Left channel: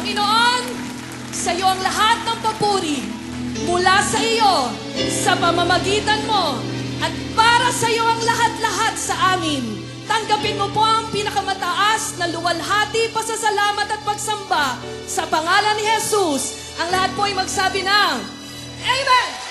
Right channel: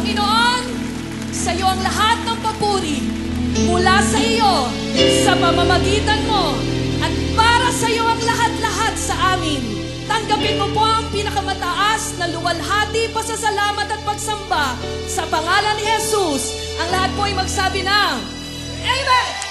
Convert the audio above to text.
Panginoon, sa iyo ang lahat ng papuri mula sa iyo, sa pamamagitan mo, at para sa iyo ang lahat-lahat sa amin. Tanggapin mo po ang pinakamataas na luwalhati, pasasalamat at pagsamba sa pangalan ni Jesus. Ang lahat po ay magsabi ng Amen!